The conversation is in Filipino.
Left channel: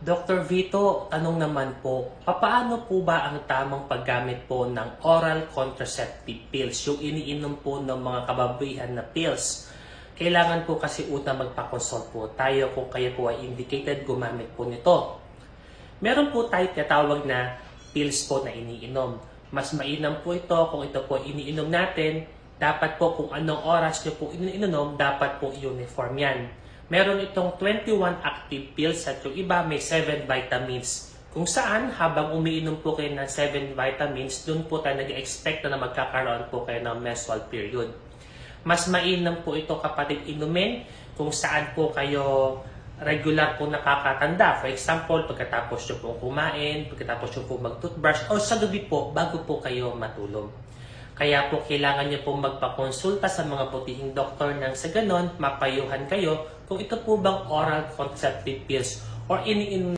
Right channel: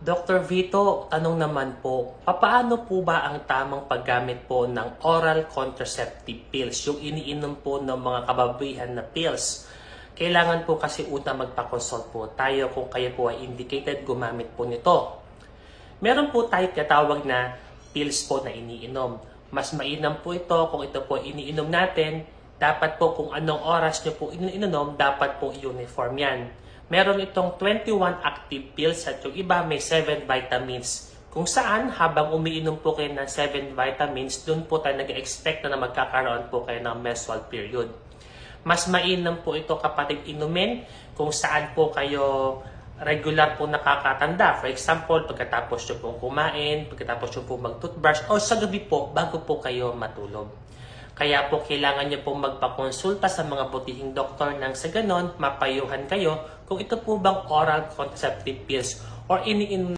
Dr. Vito, tanong naman po, papaano po ba ang tamang paggamit po ng oral contraceptive pills, yung iniinom po ng mga kababayan na pills? Kailangan po kasi una magpa-consult po tayo kung kayo po ay indicated gumamit po nito. Meron po tayo tinatawag na pills po na iniinom. Mas mainam po ito kung ito po iniinom natin. Dapat po kung anong oras nyo po iniinom, dapat po uniform yan. Meron itong 21 active pills at yung iba may 7 vitamins. Kung saan, habang umiinom po kayo ng 7 vitamins, dun po tayo nag-expect na magkakaroon po kayo ng menstrual period. Mas mainam po ito kapatid inumin kung saan po kayo regular po nakakatanda. For example, pagkatapos nyo pong kumain, pagkatapos nyo pong mag-toothbrush, o sa gabi po, bago po kayo matulog. Kaya po kailangan nyo pong magpakonsulta sa mga butihing doktor nang sa ganon, mapayuhan kayo kung ito po bang oral contraceptive pills or iniinom